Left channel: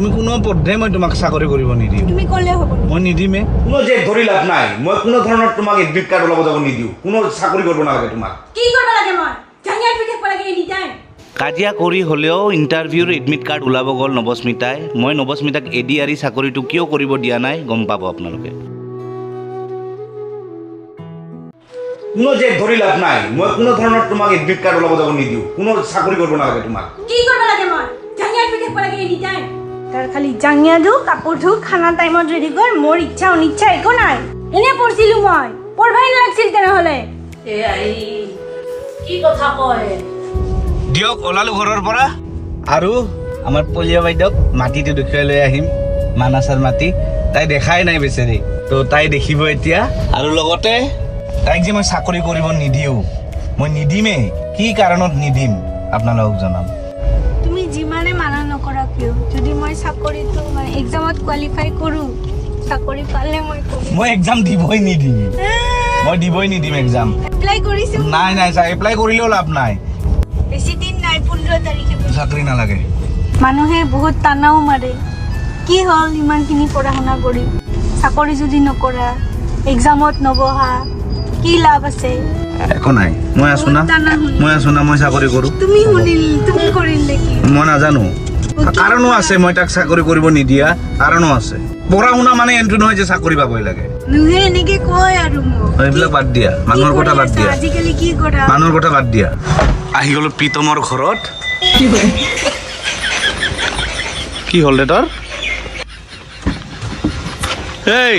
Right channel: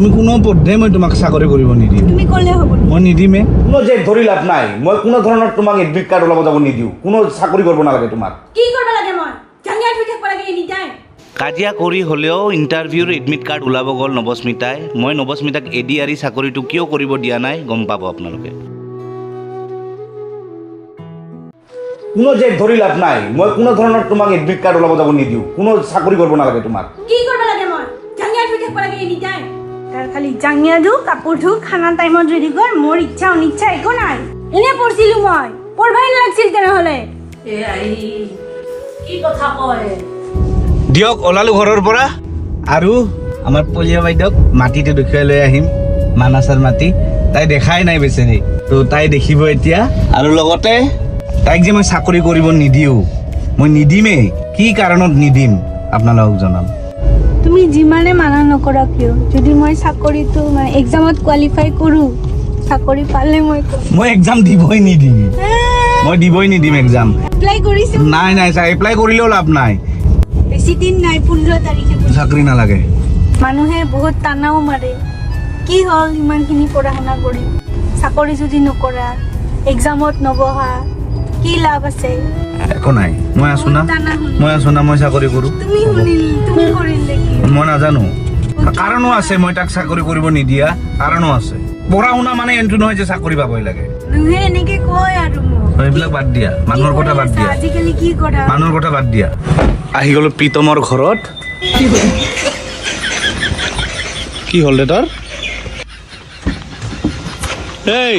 তুমি কোনো পধ্যে মই তোমাক চাকৰি কৰিব নিদিওঁ। তুমি মই নিদিমে। কোনো যে ধৰি লাভ নাই মই কোনো ধৰণৰ তোমাক এডমিট কাৰ্ড ওলাব যাব নিদিওঁ। কোনো চাকৰি কৰিব নালাগে তোমাক। কি কৰিব লাগে মই? কাজিয়া কৰি হ'লেও ইণ্টাৰভিউৰ এডমিট কাৰ্ড ওলাব গ'ল নৱস্মিতাই। মই নৱস্মিতাক এডি আৰি চাকৰিটো কিয় কৰিব দিয়া নাই গম পাব আপোনালোকে। কোনো যে ধৰি লাভ নাই মই কোনো ধৰণৰ তোমাক এডমিট কাৰ্ড ওলাব যাব নিদিওঁ। কোনো চাকৰি কৰিব নালাগে তোমাক। কি কৰিব লাগে মই? তাৰ খালি জাঙিয়া ধু কাপোৰ ধু খানা টাইমত ৰেডি কৰ মোৰ ইচ্ছা অনিচ্ছা একো নাই। এনে পঢ়ছিলো মই পঢ়বাই নালাগছিল তেনেহ'লে। কি কথা কয়? দিয়ক ওলালো ঘৰৰ পৰা। আৰু আমাৰ পলিয়া বাইদেউক মাটিটো দেখুৱাই লৈ আহিম মানাছৰ মাটি। তাই দেখাই নাই বেচেৰি। তো তাই দেখিব এতিয়া। আৰু লগতে তাইক যে মই চাকৰি কৰিব নিদিওঁ মই নিদিমেই। কি কাৰণত নিদিম? আপোনালোকক জনাম। তুমি যিমানে মানা নকৰা কিয়? যদি মই চাকৰিটো এক্সামত কোৱালিফাই কৰোঁ চাকৰি পালে মই মই এক্সাম দিবই নিদিম। মই দিবই নিদিম এক্সাম এপ্লাই কৰিছোঁ। নাই নাই ছাৰ এপ্লাই কৰিলেও লাভ নাই। বেছি দিন নাই পোন্ধৰ তাৰিখে চাকৰি নালাগে। মানুহে বহুত টানাও মাৰে। কি হ'ল ইমানখিনি পঢ়া শুনা কৰি? চাকৰি যদি নকৰা এক্সামত নবহা কি লাভ আছে? একো নাই। মই আছো না। মই আছো না মই চাকৰি কৰোঁ। তুমি শুনিল তুমি কৰিল। মই নাজানো। কাৰণো আছে? মই তাক চাকৰি কৰিব নিদিয়া। কাৰণো আছে? পঢ়া শুনা মানে এইটো নহয় যে চাকৰি পাবই লাগে। এইবিলাক বাদ দিয়া। মানুহৰ কথা বাদ দিয়া। মানুহৰ কথা বাদ দিয়া। আহি গলো প্ৰীতমৰ ঘৰত। কি হ'ল? দে তাৰ? এই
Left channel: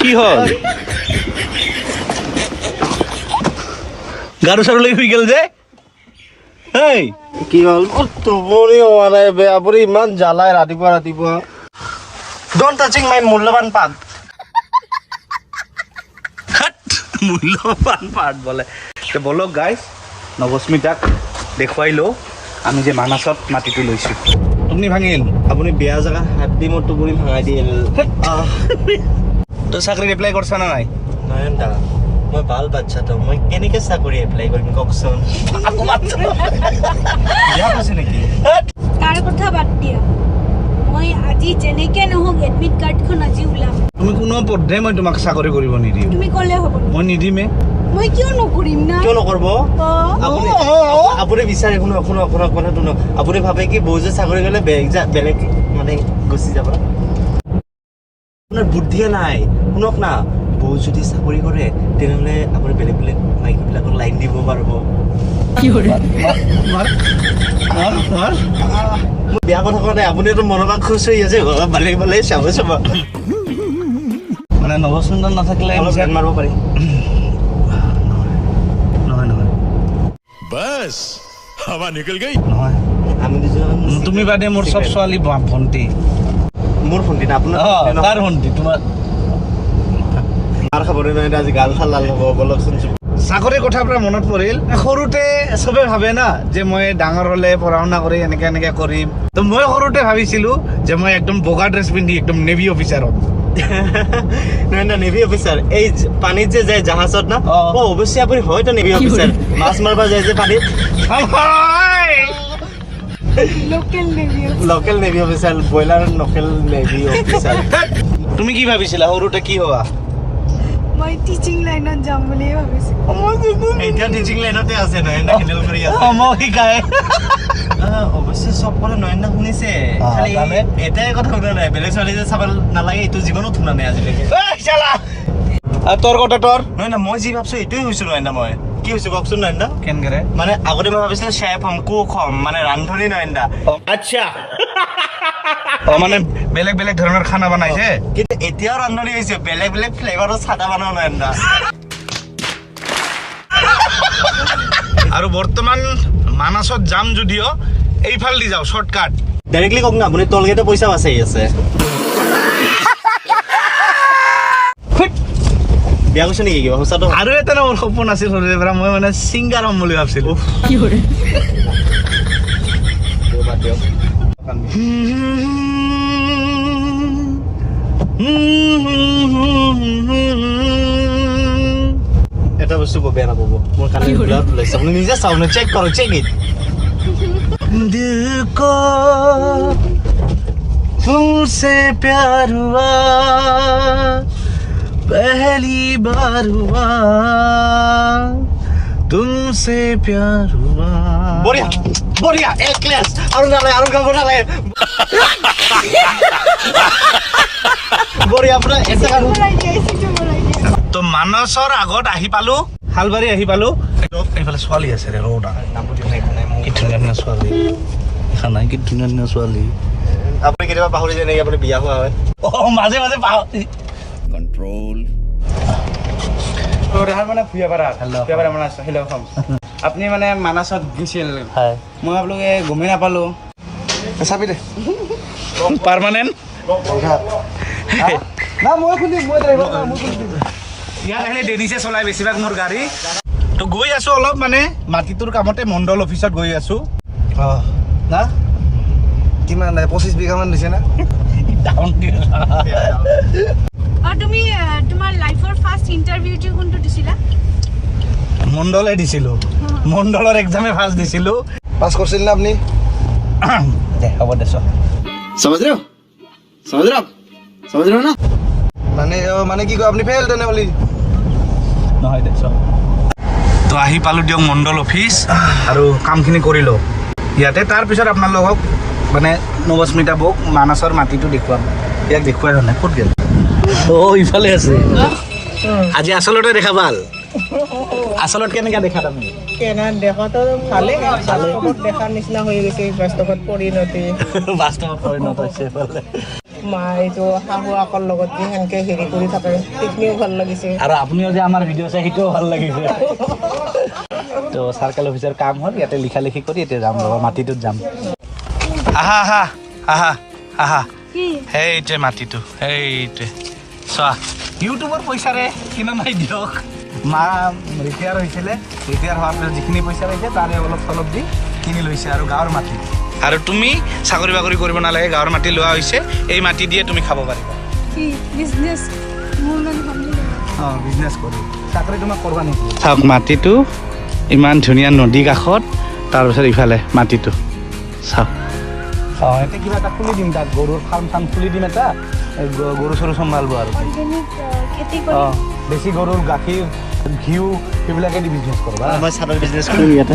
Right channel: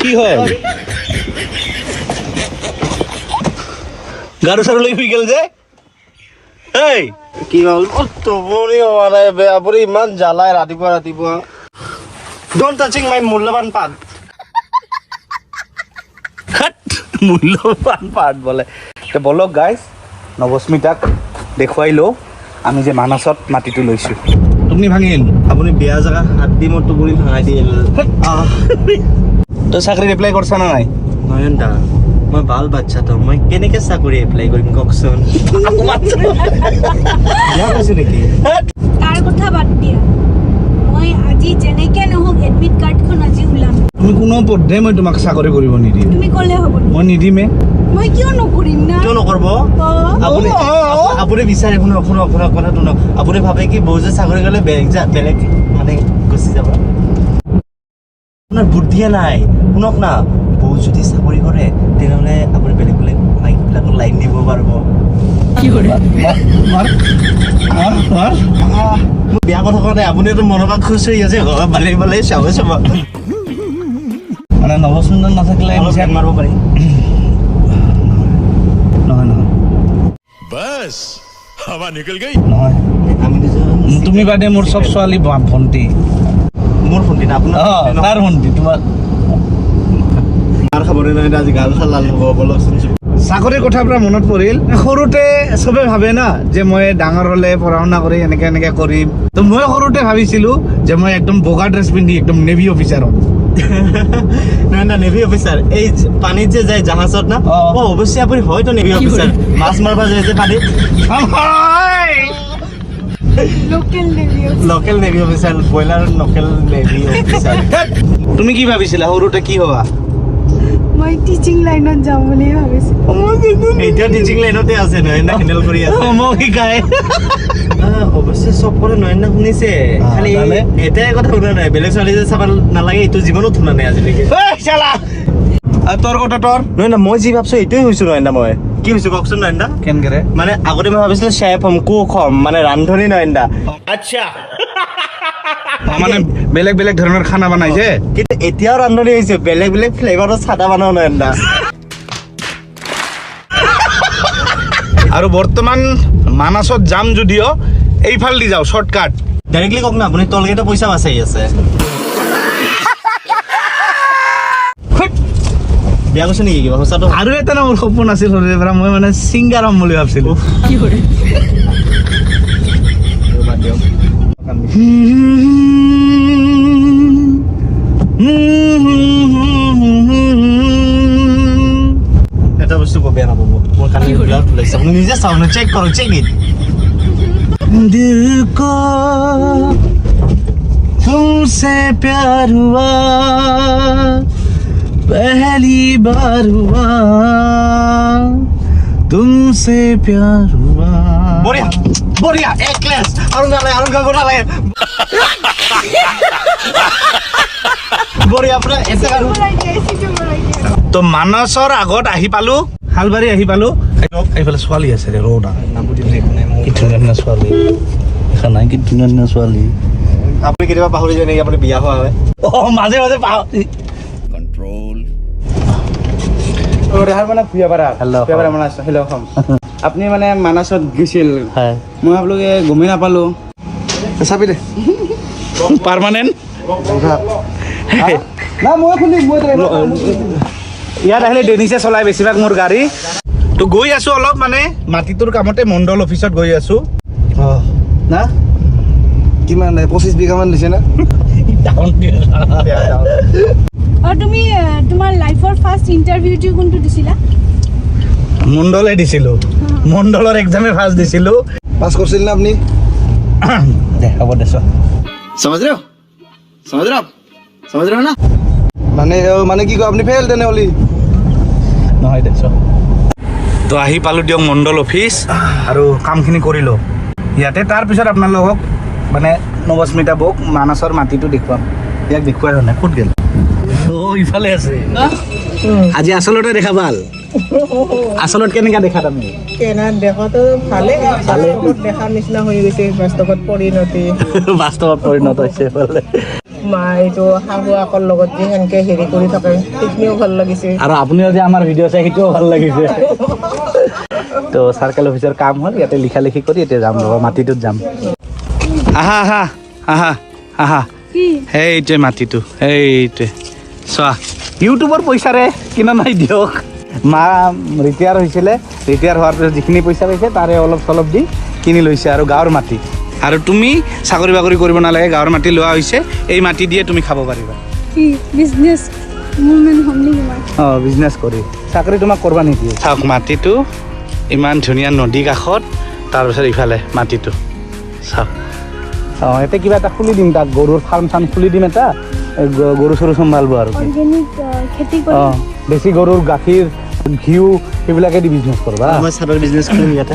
কি হ'ল? গাৰু চাৰু লৈ শুই গ'ল যে। এই কি হ'ল? টোপনি হোৱা নাই বে আপুনি ইমান জ্বালাই ৰাতিপুৱা ৰাতিপুৱা। ডোন্ট টাচিং মাই মূল্যৱান পাত মূল্যৱান পাৰ্ট বোলে। তে বলক গাইজ নৱস্মিতাক দেখুৱাই লওঁ আমি যে মানসত মাটিটো লৈছোঁ। টোপনি ভাঙিল। আপুনি বেয়া জেগা হাত দি মোৰ টোপনি ভঙাই দিয়ে। তই চাকৰিত এপ্লাই কৰিছা নে নাই? দা মই ভালো বাচ্ছাটো মই কেনেকে চাকৰি এপ্লাই কৰিম কওকচোন? নেকি? তাৰ কথা বাদ দিয়া। মই আজি যেনেকে নহওক এডমিট কাৰ্ডখন আজি ওলাম। তুমি কোনো পধ্যে মই তোমাক চাকৰি কৰিব নিদিওঁ তুমি ক'লে হ'ব। মই নিদিমে। মই কিয় নকৰিম না? কিয় নকৰিব? আপুনি আপুনি বিচাৰে শুনক শুনক শুনক কথা শুনক। আপুনি ভাবে কি বৌ যে চাকৰি কৰিলে বেলেগ যা- বেলেগ মানে গুচি যাব? আপোনাৰ বুদ্ধিয়ে নাই। শুনক না। যদি চাকৰি কৰে তেনেহ'লে আপুনি বেলেগ বেলেগ মাইকীবিলাকক লাইন দিব পাৰিব। বেয়া কথা কোৱা নাই আপুনিতো মনৰ পৰা খুচ হৈ আছে ভালে ভালে চাব চাব। মানে নৱচন্দন নাথাকিলে মাৰিব পাৰি। নহয় নহয়। বাছ হাৱা নিকল গই। নহয়। তুমি বাদে মোৰ চব ছোৱালী ভণ্টি। মোৰ ভণ্টি না আপোনাৰ ভণ্টি তোমাৰ গান খাবলৈ নহয় আজি গান খালা বলকচোন চাকৰিৰ কথাৰ পৰা মনত পৰিল? সৰুতে চবে ভাবে না যে মই ডাঙৰ হলে পঢ়া শুনা কৰি এনেকে এনেকে কৰিম। তো মই সৰুতে ভাবিছিলো যে মই একদম বগা ড্ৰেছ পিন্ধি একদম নেভি অফিচাৰ হ'ম। নহয় না নেভি অফিচাৰ এই পানীত যে যায় জাহাজত না অ। অৱশ্যে আপুনি হয়তো নেভি অফিচাৰ মাছ মাৰিব যায় যে পানীত। Local navy local navy officer broiler local navy officer তুমি কি ভাবিছিলা সৰুতে কি হবা? মই টিচিং লাইনত যাম বুলি ভাবিছোঁ। এতিয়াও টিচিং লাইনতে আছে নয়ন হেণ্ডেল কৰি আছে। মই শিকাই অৱশ্যে চব কথা নয়ন শুনিছে। খালি এটাই কথা শুনা নাই বেলেগ ছোৱালী যে চাব নালাগে এইটো জীৱনত শুনা নাই আজিলৈকে। তোৰ কথা তোৰ? নহয় না মই যি ভাবছ এইটোৱে হৈছো নয়ন মই। কি হৈছো কওকচোন নয়ন দা কেনেকে? মানে আগতে মই ভাবিছিলো চেফ হ'ম কুক হ'ম মানে ৰান্ধনী নয়ন দা আচ্ছা। মানে বেলেগ বেলেগ ধৰণৰ খানা বনাই যে। কিন্তু এতিয়াও ৰান্ধনী হৈছে বেলেগ বেলেগ ফ্লেভাৰৰ চাদা বনাও নয়ন দা আৰু বৰ্তমান মানাছত যাম যদিও এইফালেদি যাওঁ শ্বৰ্টকাট ডাইৰেক্টলি কওক না আপুনি টলগেটৰ পইচাও আছে। আছে বেয়া কৈছে নেকি কিবা? সঁচাটো? আৰু এটা না মোৰ সপোন আছিল সৰুৰে পৰা মই মানে ছিংগাৰ হ'ম বুলি ভাবিছিলো। বাদ দিয়ক। এটা বস্তু বৰ বেয়া নাপাব মোৰ কাৰণে ব্লাড ওলাইছে আপুনি নিজে চাওক চেক কৰক চেক ইট दिल को तुमसे प्यार हुआ पहली बार हुआ तुमसे प्यार हुआ বঢ়িয়া বঢ়িয়া এক ক্লাছ আৰু গালে আৰু তো মানসৰ আগত আহি পালো শালবাৰী আহি পালো। এইফালে ছোৱালী আছে ৰে ৰৌদা কি ধুনীয়া ধুনীয়া ছোৱালী? দেখা নাই কি ধুনীয়া ধুনীয়া ছোৱালী? আপুনি কেতিয়াবা পাহৰি যায় নেকি? আপুনি বিয়া হোৱা হয়। অ মাজে মাজে পাহৰি। দেহাৰ মানে অসম আপুনি মানে মানাছত গৈছিল। মই আপোনালোকে গমেই নাপালোঁ। চাবি দে। পাৰ্মানেণ্ট? না মই খুন্দিম ইয়াত আহিলে ডেনিছে চলাই বেছিভাগ মোৰ গাড়ী। তো গৈ আছোঁ অলপ মানে মাটিটোৰ কামতে মণ্ডল অফিচত গৈ আছোঁ। না? কিমান পঁচিছ বিঘামান দিছে না? তুমি তোমাৰ লাইফৰ ফাৰ্ষ্ট ইণ্টাৰভিউটো কোনটো দিছিলা? মণ্ডলে দিছিলোঁ। মণ্ডলৰ এক্সামে ফাৰ্ষ্ট দিছিলোঁ। পাছ কৰিছিল না আপুনি? হ'ব দে চামাজ ৰে समझ रहे हो आप समझ रहे हो ना মানে মানে কি কয় আপুনি ফেল তেনেহ'লে নহয় দে চল তো আহি পালোঁ দিয়ক মণ্ডল অফিচ আৰু কামখিনি কৰিলোঁ ইয়াতে তাৰপিছত আপোনালোকক মানে নৱস্মিতা বৌক মানাছৰ মাটিটো দেখুৱাম ইয়াক দেখুৱাই হোৱা নাই ক'ত গ'ল অ' ইফালে আছে আজি আচলতে দেখা ভাল আচলত কেনেকা দেখা তাৰমানে কেনা দেখাতো ভালে বাস্তৱত দেখা নিচিনা হৈ গৈছে বাস্তৱত পৰিণতি বাস্তৱত পৰিণত হৈছে এইফালে মা এইটো শাহুৱাকৰ লগত যে সেনেকে হেৰি কৰি থাকে, সেইখিনিও ভালো লাগিছে। আৰু আপুনিও যে আমাৰ ভিডিঅ' চাই, সেইটোও ভালো লাগিছে। তো চাৰ্কেল অফিচৰ কাম হ'ল, ইয়াতে লিখা লিখি কৰি এতিয়া যাম ৰ'বা, মাটিটোত যাম। আহা আহা আহা আহা। সেইটোৱে মাটিটো, সেইটোৱে। চোৱা ইউটিউবৰ পইচাৰে কিনা নাই দিয়ক। মা ৰিটায়াৰ হৈছিলে ৰিটায়াৰ হোৱাৰ পিছত যিখিনি পইচা পাইছে, তাৰে অলপ চলপ দি কিনি লৈছে আৰু গাঁৱৰ মাটি। আৰু তুমি চাকৰি বাকৰি কৰিব নালাগে গাঁৱৰ মাটি লোৱা হৈছে এই মাটি দিয়ে তুমি খাব পাৰিবা। অঁ বিজনেছ কৰি। চাকৰি তোমাক কৰবা নেকি? চাওক মাটিটো ইমান ধুনীয়া নদী কাষত তাৰপিছত ইফালে মাটিটো। চাওক অঁ এতিয়া কিবা এটা খুলি দিম তাত গৰুৰ ফাৰ্ম চাৰ্ম খুলি দিম এটা গৰু চৰু চম্ভালিব আৰু। অঁ বেছি গৰুৰ গাখীৰ ঘিউ সেইবিলাকে দি বিজনেছ কৰবা। মই চাদৰ বিজনেছ কৰিম ইয়াতে।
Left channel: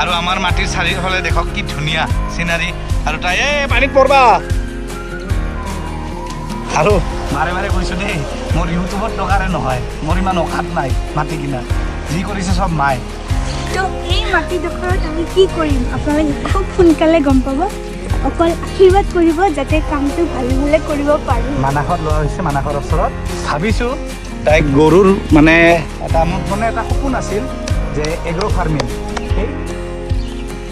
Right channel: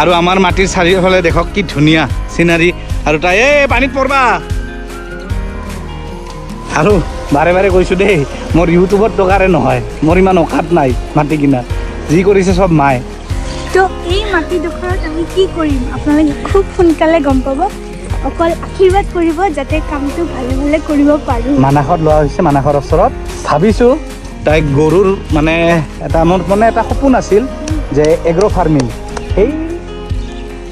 আৰু আমাৰ মাটিৰ চাৰিওফালে দেখক কি ধুনীয়া চিনাৰী আৰু তাই এই পানীত পৰবা আৰু বাৰে বাৰে কৈছোঁ দেই মোৰ ইউটিউবত টকাৰে নহয় মোৰ ইমান অকাত নাই মাটি কিনা। যি কৰিছে চব মায়ে। তো এই মাটিডোখৰত আমি কি কৰিম? আপোনালোকে খুব সোনকালে গম পাব। অকল আশীৰ্বাদ কৰিব যাতে কামটো ভালে ভালে কৰিব পাৰোঁ। মানাসত লোৱা হৈছে মানাসৰ ওচৰত। ভাবিছোঁ তাইক গৰুৰ মানে এটা মোৰ মানে এটা সপোন আছিল যে এগ্ৰ' ফাৰ্মিং সেই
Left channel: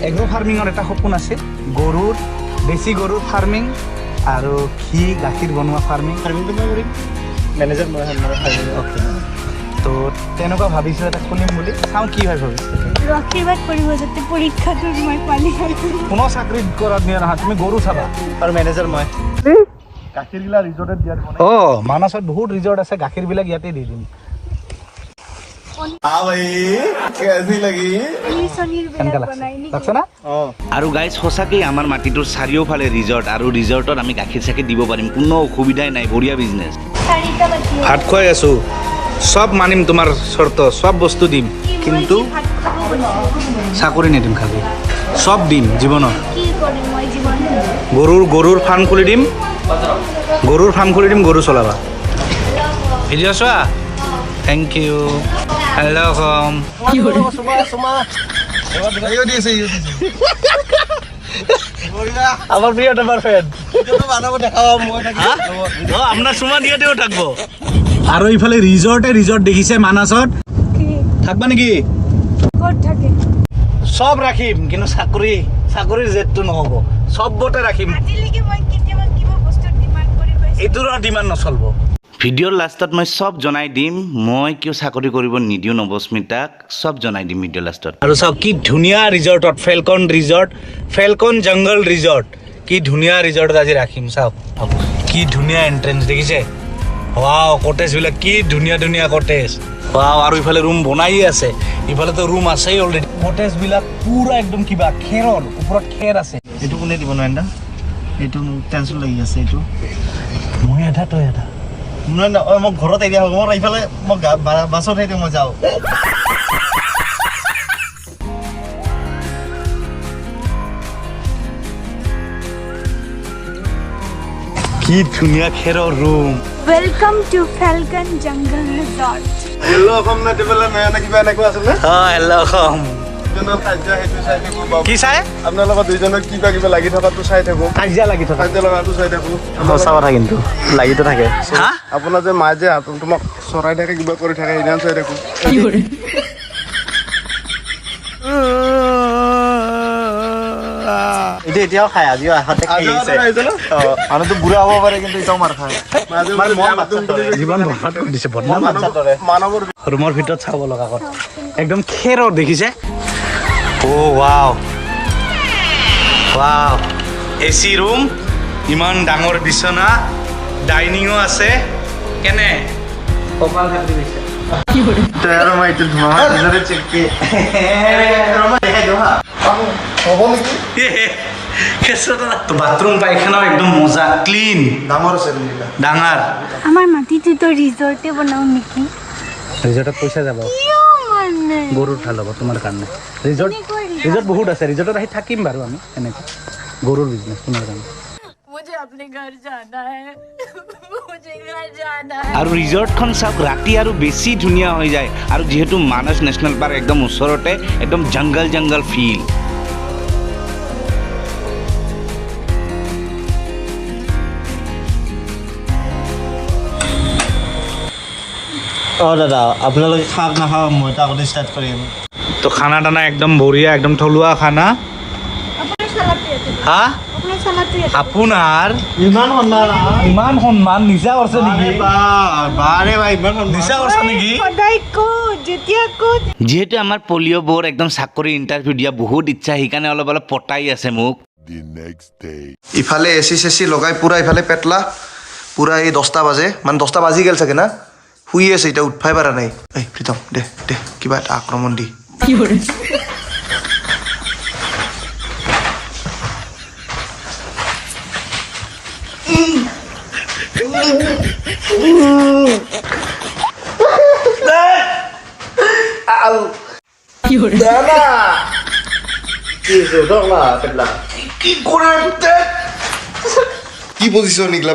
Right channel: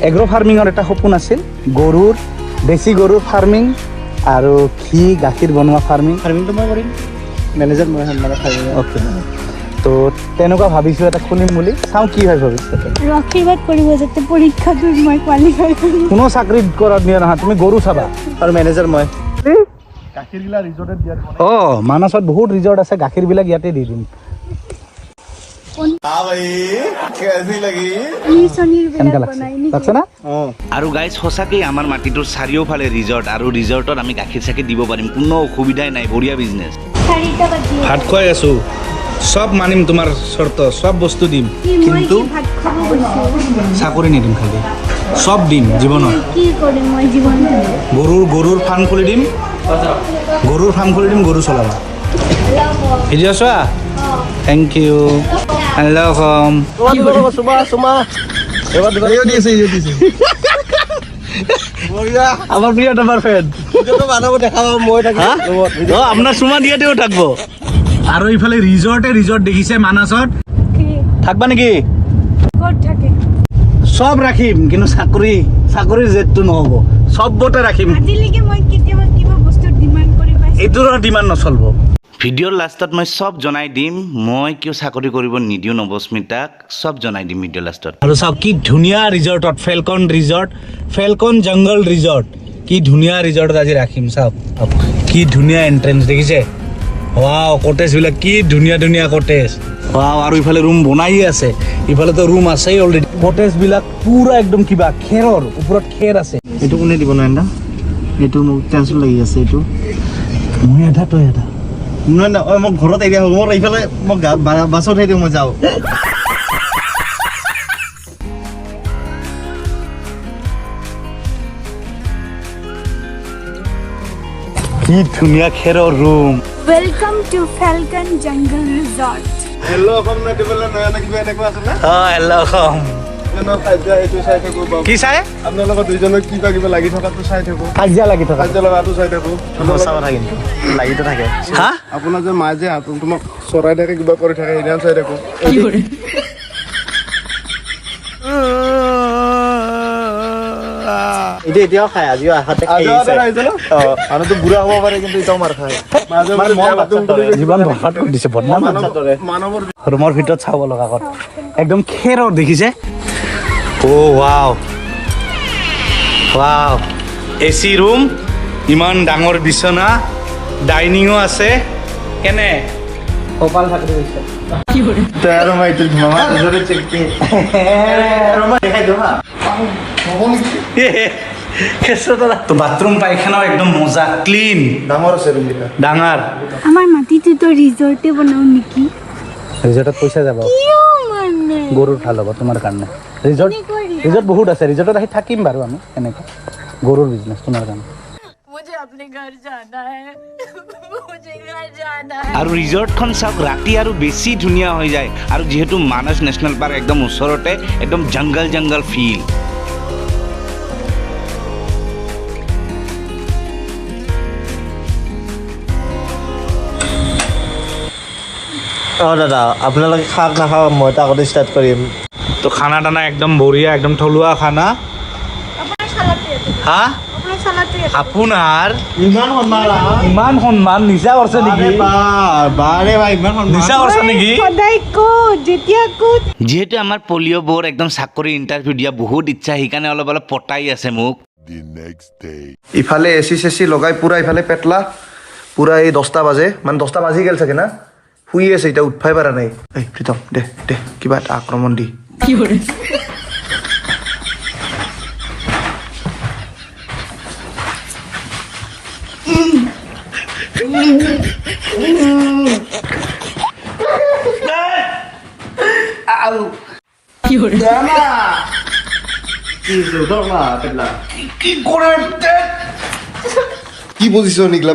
এগ্ৰ' ফাৰ্মিঙৰ এটা সপোন আছিল। গৰুৰ দেশী গৰুৰ ফাৰ্মিং আৰু ঘি গাখীৰ বনোৱা ফাৰ্মিং ফাৰ্মিংটো মই কৰিম। মেনেজাৰ মই মানে ফাৰ্মিং অ'কে তো তেনেকুৱা ভাবিছোঁ এটা খুলিম বুলি। চাওঁ কি হয় ভৱিষ্যতে। আশীৰ্বাদ কৰিব যাতে পৰীক্ষাটোত মই কোৱালিফাই কৰোঁ। কোনো চাকৰিত কৰাত নিয়া নহয় তুমি গৰু চাবা। আৰু মেনেজাৰ মই। গাখীৰবিলাক ৰিজৰ্টত দিয়া অঁ। মানাছত বহুত ৰিজৰ্ট আছে গাখীৰবিলাক ইয়াতে দি দিম পনীৰ চনীৰ কেনেকুৱা বিলাক লাগছে বনাই নেকি লাগছে না আৰু গাইজ সঁচাকেই আমাৰ মাটিটোৰ চাৰিওফালে ৰিজৰ্ট আৰু ৰিজৰ্টত আমি গাখীৰ চাখীৰ দিব পাৰিম কোনো অসুবিধাই নাই বঢ়িয়া বিজনেছ ভাত খুৱাই আছোঁ চব মানিম তোমাৰ চৰ্ত চব বস্তু দিম কিন্তু চাকৰি নিদিম খালি চব দিম জীৱনত গৰুৰ গৰুৰ ফাৰ্ম খুলি দিম গৰুৰ ফাৰ্ম খুলি দিম গৰু চলাবা ভিডিঅ' চোৱা থেংক ইউ ৱেলকাম আমার প্রিয় নাম্বার ফ্যান বানাব দেখা মই থাকিম আপনার সুমা দিয়াতেও থাকব। আৰু ইফালে ৰিজৰ্টে ৰিজৰ্ট দেখিছে মানাছত থাকবা নেকি? ক'ত থাকে? চব ৰাখিম কিন্তু চাকৰি চাকৰিৰ জেদটো নহ'ব। চবতে ৰাখিম। এইটোৰ ডিমাণ্ড নচলিব। ভিডিঅ'ৰ লাষ্টত মই চব জনাই দিম। মই কিয় চাকৰি কৰিব নিদিওঁ নৱস্মিতাক চব জনাই দিম ভিডিঅ' লাষ্টত। আৰু চাওক কি ধুনীয়া ৰিজৰ্টত Falcon resort Falcon jungle resort কি ধুনীয়া ৰিজৰ্টত আজি ৰাখিম চাওক। কি ধুনীয়া এণ্ট্ৰেঞ্চ দেখিছে? ৱাও কটেজবিলাক কি ধুনীয়া ধুনীয়া কটেজ ৱাও আৰু ইফালে ৰুম বনায়ে আছে। ইফালেতো ৰুম আছেই অলৰেডি কটেজবিলাক পুৰা একদম কিবা খেৰৰ ওপৰত খেৰ আছে। এইটো কোনে দিব নোৱাৰে এইটো মোক টেনশ্যন লাগি আছে এইটো। মই আধা তই আধা। নহয় নহয় মই ঘৰত এৰিয়া হ'ব মোৰ এইফালে মই বাছত সেই দিওঁ মই যাওঁ। কি ধুনীয়া খেৰৰ room welcome to Falcon jungle resort hello' Assam নয়নে কিবা এনেকুৱা আছিলে? সেইটো চাই থাকো কি চাই আপোনালোকৰ দুইজনক কিবা কিবা লাগি থকাটো চাই থাকো। কাজিয়া লাগি থকা। খাদ্য লগাটো চাই থাকো। সঁচা কথা কিন্তু লাগিতো থাকে। হা? আপোনাৰ যে মায়ে যে হাতত তোমাক চৰাই থাকে কিবা কৰি থাকে সেইদিনা চাই থাকো। এইটো এতিয়াও খাই আজিও আহোঁতে মানুহটো বুঢ়া হ'ব পাৰে কিন্তু এতিয়াও মাৰ খায়। বাচ্ছাৰ দৰে। জীৱন ধোকাত দিছে বদনাম মানৱৰ ৰুমৰ ভিতৰত চাব লগা কথা। একদম খেৰৰ দেখিছে? অ' wow wow A C room ইমান ডাঙৰ বিচনা ডাইনিঙো আছে। কেনে? কপাল চিকি তো বাথৰুম পাইখানাও একদম মজা ক্লিন। ডাঙৰ আমাৰ মাটিটোতো ৰিজৰ্টে বনাও নেকি? ৰিজৰ্টত পইচা যাব। গৰুৰ ভালো হ'ব তোমাৰ কাৰণে। ৰিজৰ্ট ৰিজৰ্ট বহুত আছে ৰিজৰ্টত আহি থাকিম বাৰু আমি এনেকে গৰুৰ বিজনেছ তোমাৰ কাৰণে। আৰু ৰিজৰ্টখন চাওক ৰাতি আৰু বেছি ধুনীয়া হৈ যায়। আৰু যিহেতু মানস নেশ্যনেল পাৰ্ক একদম ওচৰতে একদম জংগল জংগল ফিল অঁ দাদা আপোনালোকে খাওক নাখাওক মই আগতে ষ্টাৰ্ট কৰিম। তো খানা দানা একদম বঢ়িয়া একদম থলুৱা খানা? হা? আপোনাৰ? ইমান সন্মান নেকি? নিচা কৰিছে নেকি? যেতিয়া ক'ত। যিহেতু আমাৰ পলিঅ' বৰ একদম চাকৰি ইণ্টাৰভিউ দিয়া বহুত ইচ্ছা সেইকাৰণে অলপ অলপ পতাই আছে মোক. ইফালে এ চি চেচি লগাই পূৰা ইফালে পেটলা পূৰা এই দহটা বাজে মানে দহটা বাজি গ'ল চাগে না? শুই আছে এতিয়া উঠবাই পাৰা নাই এই প্ৰীতম দে দে কিবা এটা আক্ৰমণ দি কি পজিশ্যন নিকলা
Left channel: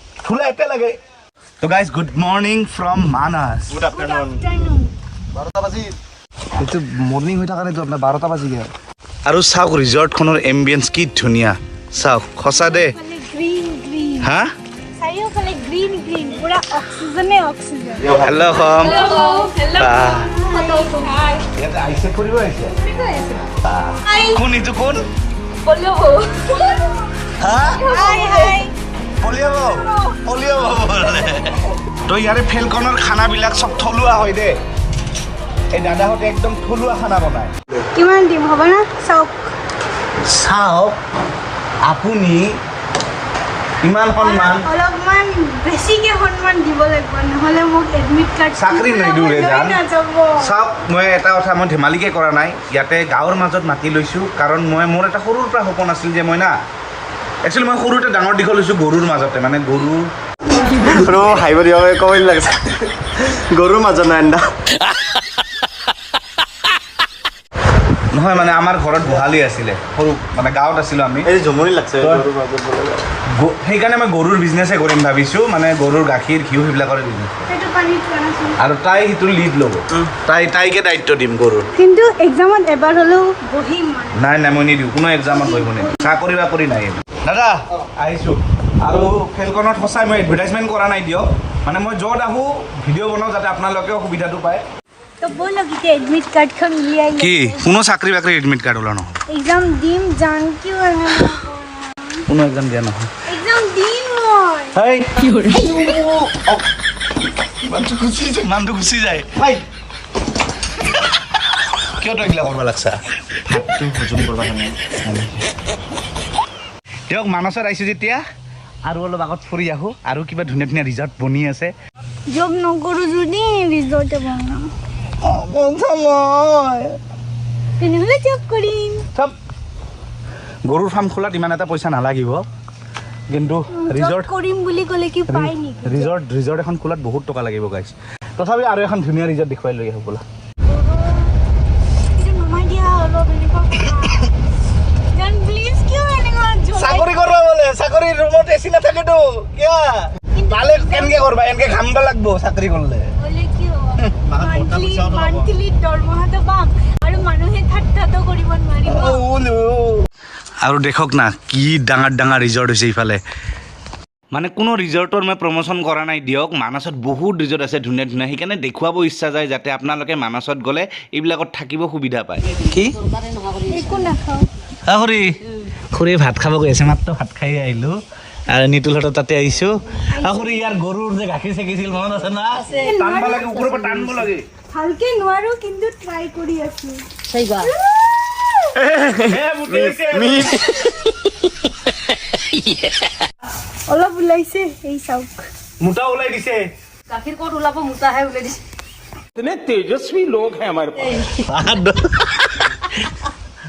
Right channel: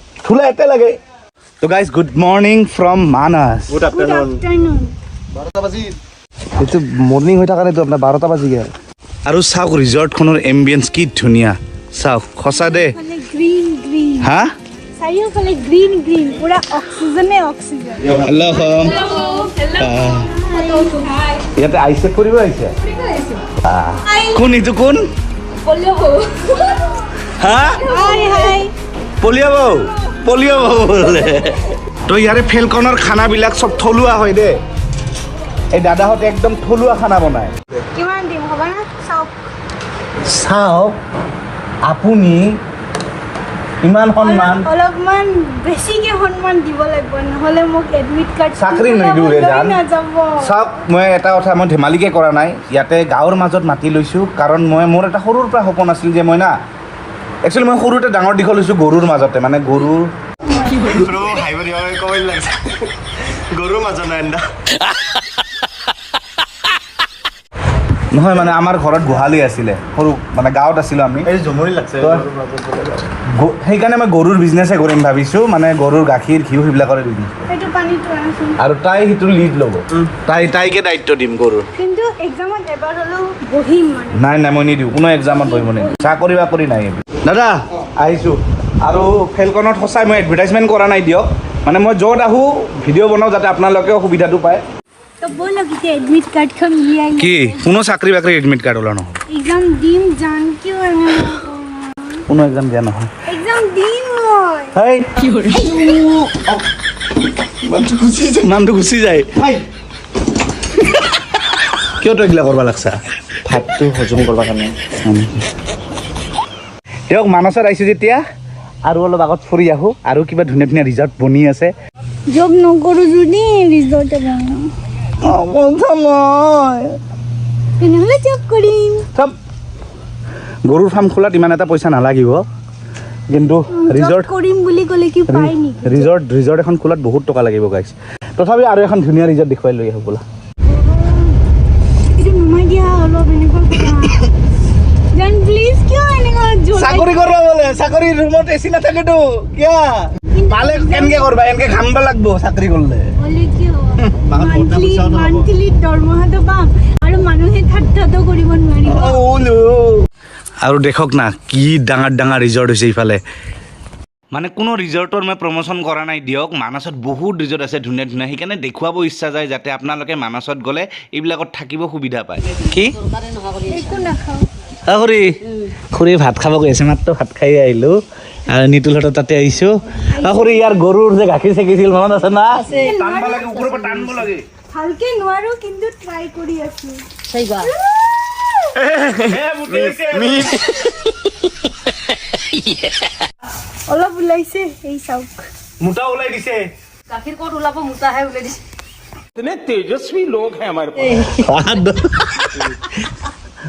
থোলা এতে লাগে। তো guys good morning from Manas good afternoon afternoon এইটো মৰ্ণিং হৈ থকা নাইতো আপোনাৰ বাৰটা বাজি গ'ল। আৰু চাওক ৰিজৰ্টখনৰ এম্বিয়েঞ্চ কি ধুনীয়া। চাওক সঁচা দে। হা? হেল্ল' হম ইয়াতে আহিছে? ফুৰিব আহিছে। কোন এইটো কোন? পলিঅ' বৌ পলিঅ' বৌ বোলে। তো ইয়াৰে ফেলকনৰ খানাবিলাক চব থলুৱা হয় দেই এই দাদাহঁতে একদম থলুৱা খানা বনায়। কিমান দিম হ'ব না? চাওক। চাওক আপুনি ইমান সন্মান। অলপমান বেছিকে সন্মান দিব লাগিব নহ'লে মোক এডমিট কাৰ্ড চাকৰি নিদিওঁ জান। চাওক মই এটা কথা মই ধেমালিকে কৰা নাই। ইয়াতে গাঁৱৰ মাজত মাতি লৈছোঁ কাৰণ মই মোৰ এটা সৰুৰ পৰা সপোন আছিল যে মই না একচুৱেলি মই সৰুতে ডাঙৰ দীঘল হৈছোঁ গৰুৰ মাজতে মানে গৰুৰ গৰু হাঁহিব দিব ক'ব লাগিছে গৰুৰ মাজত নাই আন্দা নহয় মানে আমাৰ ঘৰত গোহালি আছিলে সৰু মানে গাঁৱত আছিলোঁ আমি। সেইকাৰণে মই গৰুৰ বিজনেছে কৰিম ভাবিছোঁ মানে গৰুৰ গাখীৰ ঘিউ সেইবিলাকৰে বিজনেছ আৰু তাই সেইটো লিড ল'ব। তাই তাইকে দায়িত্ব দিম গৰুৰ। কিন্তু এক্সামত এবাৰ হ'লেও বহিম নাই নাই মই নিদিওঁ কোনো এক্সামত বহিব নিদিওঁ। চাকৰি বাকৰি নাই এইবোৰ। দাদা আহিছোঁ। আৰু ফেলকনত সঁচাই মই এডভাৰটাইজমেণ্ট কৰা নাই দিয়ক। মানে মই য'ত আহোঁ ভিডিঅ' বনাওঁ যাতে আপোনালোকেও সুবিধাটো পায়। কি কি? কোনো চাকৰি বাকৰি এডমিট কাৰ্ড ওলা নহয়। এক্সাম দিম জান কিয় কোনো এক্সাম দিয়া নহয়। এক্সাম দিম মই। হেই! নামটো গুচি যায়। কিয় তই এইগিলা কৰিব লাগছা? ভাতটো হজম কৰিব কাৰণে। তেওঁক মানসত আহিছোঁ যেতিয়া। আৰু অলপ আগত ফুৰি আহোঁ আৰু কিবা ধুনীয়া ধুনীয়া ৰিজৰ্ট বনি আছে। জব নকৰো যদি ৰিজৰ্টে বনাম তেনেহ'লে জব কৰিম। চব গৰুৰ ফাৰ্ম খোলাত ইমান এটা পইচা নালাগিব। কিন্তু ৰিজৰ্ট কৰিম বুলি ক'লে কি পাই নেকি? ৰিজৰ্ট ৰিজৰ্ট এখন খোলাত বহুত টকা লাগিব গাইছ তথাপি আৰু এখন ধুনীয়া ৰিজৰ্ট দেখুৱাই লৈ আহোঁ বোলা এইটো নমাই দিয়া অলপ এনেকুৱা কৰা। জান প্লিজ কিয় চাকৰি কৰিব বোলে চাকৰি ৰুমত এচি নাথাকেতো কিয়? পালে কেনেকে কৰবা? এনেকে ঘামিব লাগব কৰিব নোৱাৰিব। আৰু দেখক না কি ডাঙৰ ডাঙৰ ৰিজৰ্ট হৈছে ইফালে। মানে কোনো ৰিজৰ্টৰ মই প্ৰমোশ্যন কৰা নাই দিয়ক। মানাছত বহুত ৰিজৰ্ট আছে ধুনীয়া ধুনীয়া। সেইকাৰণে দেখুৱাব ইচ্ছা যায় যাতে আপোনালোকে মানাছত গ'লে এইবিলাকত থাকিব সুবিধা পায়। কি? নাখাওঁ খুৰী খুৰী ভাত খাব গৈ আছে মাত্ৰ ভাত খাই আহিলোঁ। আৰু নিতুলহঁতৰ তাতে আহিছোঁ। খুৰী ইয়াৰ গৰুৰ যে গাখীৰ চেকিছিল মনত আছে না? টানব লাগে ওপৰৰ পৰা টানব লাগে। ভালকে নোৱাৰো কিন্তু ট্ৰাই কৰি আছো। অলপ ওলাইছে এই চাওক। মোটা ওলাই দিছে। গাখীৰ ক'ত ওলাব? মোটাহে ওলাই দিছে। গৰুৱে দৌৰিব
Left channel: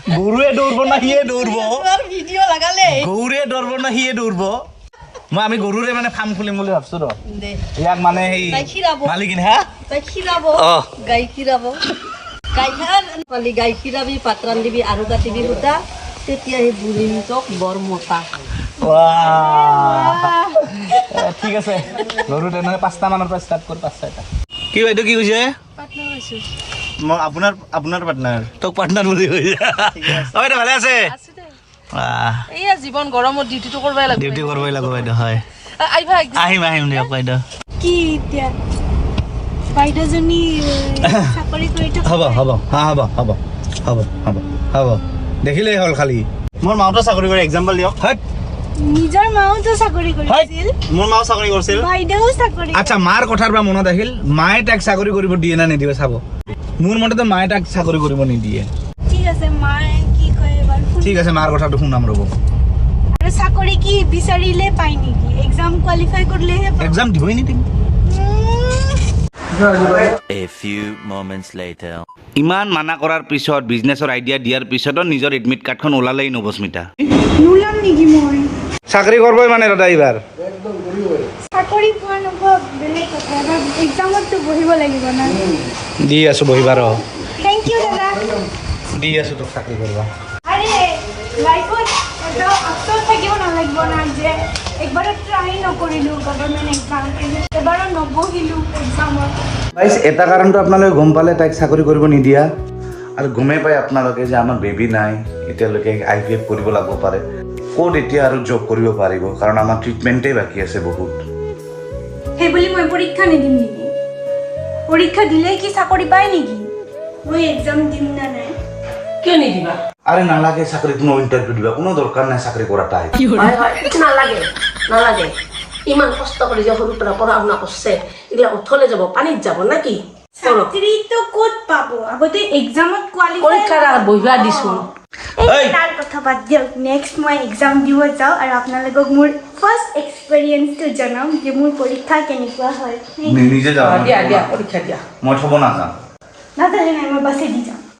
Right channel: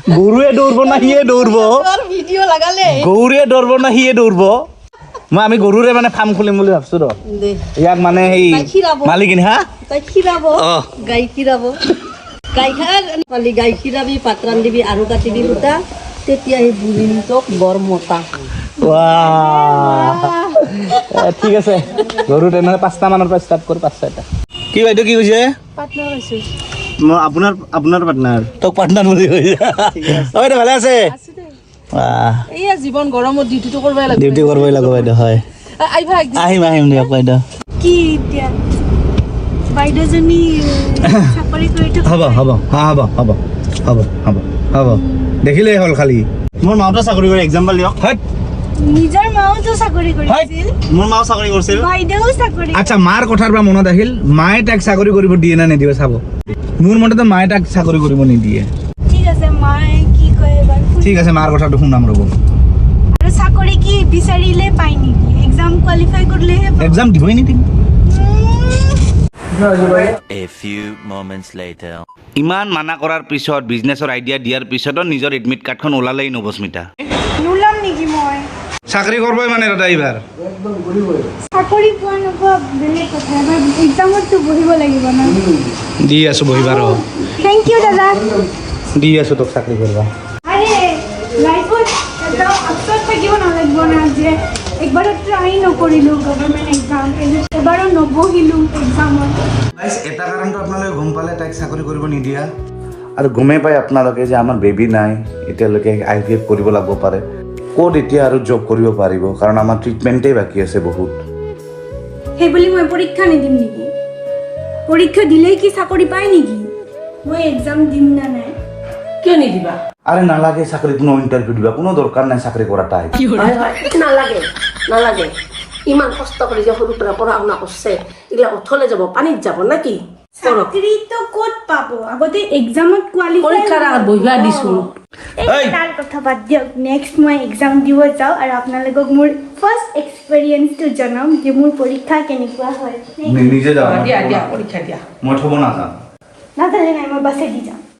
না সিয়ে দৌৰিব ভিডিঅ' লগালে। গৰুৱে দৌৰিব না সিয়ে দৌৰিব মই আমি গৰুৰে মানে ফাৰ্ম খুলিম বুলি ভাবছ ৰ। ইয়াক মানে সেই। মালিকিনী হা? গাই খীৰাব। গাই খীৰাবি পাত ৰান্ধিবি আৰু কাটিবি দুটা। তেতিয়া সেই বুঢ়ীটোক বৰ মতা। ঠিক আছে। গৰু তেনেহ'লে পাঁচটা মানৰ পৰা ষ্টাৰ্ট কৰোঁ পাঁচ ছয়টা। কি বাইদেউ কি কৈছে? আপোনাৰ আপোনাৰ পাৰ্টনাৰ তোক পাৰ্টনাৰ বুলি অ বাইদেউ ভালে আছে? এইয়া জীৱন গৰমত ডিউটিটো কৰিবই লাগিব। ডিউটি কৰিবই লাগিব বাইদেউ হয়। আহিবা আহিম আহিম দিয়ক বাইদেউ। কি এতিয়া? বাইদেউজনী চাকৰি কৰিতো হ'ব হ'ব। হা হ'ব হ'ব। হ'ব হ'ব। হ'ব দেখিলেই হ'ল খালি। মোৰ মাওতো চাকৰি কৰে এক্সাম্পল দিয়ক। হাট! নিজৰ মাওতো চাকৰি কৰিছিল। মোৰ মাও চাকৰি কৰিছিল। বাইদেউ চাকৰি আচ্ছা মাৰ কথাৰ পৰা মনত আহিল মায়ে তাক চাকৰি কৰিব দিয়ে না নিদিয়ে চাব? মোৰ মতেতো মায়ে তাক চাকৰি কৰিব নিদিয়ে। ঠিক আছে মায়ে কি কয় এবাৰ ঠিক আছে মাৰ কথাটো শুনাম ৰ'ব। চাকৰি কি বিচাৰিলে পাই নেকি? এক্সাম কোৱালিফাই কৰিলেহে। এক্সাম দিবই নিদিম A few moments later. ইমান মানা কৰাৰ পিছত বিজনেছৰ আইডিয়া দিয়াৰ পিছতো নিজৰ এডমিট কাৰ্ডখন ওলালেই নৱস্মিতা নোলাম নেকি? মই চাকৰি কৰিবই মানে বহিব দি আছো বহিবাৰ। দি আছো তোক চাকৰি কৰিবা। এটা কাৰণটো আপোনালোকে গম পালে তাইক চাকৰি কৰিব নিদিয়া। আৰু গমেই পায় আপোনালোকে যে আমাৰ বেবী নাই এতিয়ালৈকে আই ভি এফ কৰিব লাগিব পাৰে। ক'ত এতিয়া আৰু জব কৰিব পাৰিব? কাৰণ আমাৰ ট্ৰিটমেণ্টেই বাকী আছে বহুত। সেইবুলি মই পৰীক্ষা নিদিম নেকি? পৰীক্ষা দিলেই কি চাকৰি পায় নেকি? মই এক্সাম দিম নে নাই? কিয় নিদিবা? আৰে নালাগে চাকৰি কোনো ইণ্টাৰভিউ দিবা। কোনো দৰকাৰ নাই চাকৰি কৰা তাই। নালাগে নালাগে। ইমান কষ্ট কৰি যে সৰুৰ পৰা পঢ়া শুনা কৰিছে এইবিলাক অথলে যাব পানীত যাব নাকি চাকৰিটো ক'ত পাব? আগতে এক্সামত কোৱালিফাই তাৰ কথা বাদ দিয়ক। নেক্সট মই এক্সাম দিব যাওঁ আৰু আপোনালোকক মোৰ ফাৰ্ষ্ট এক্সপিৰিয়েঞ্চটো জনাম যে মোৰ পৰীক্ষা কেনেকুৱা হয়। নিজে যাবা দিয়া দিয়া পৰীক্ষা দিয়া। মই থ'ব নাযাম নাজানে নাই মই বাছে দি যাম।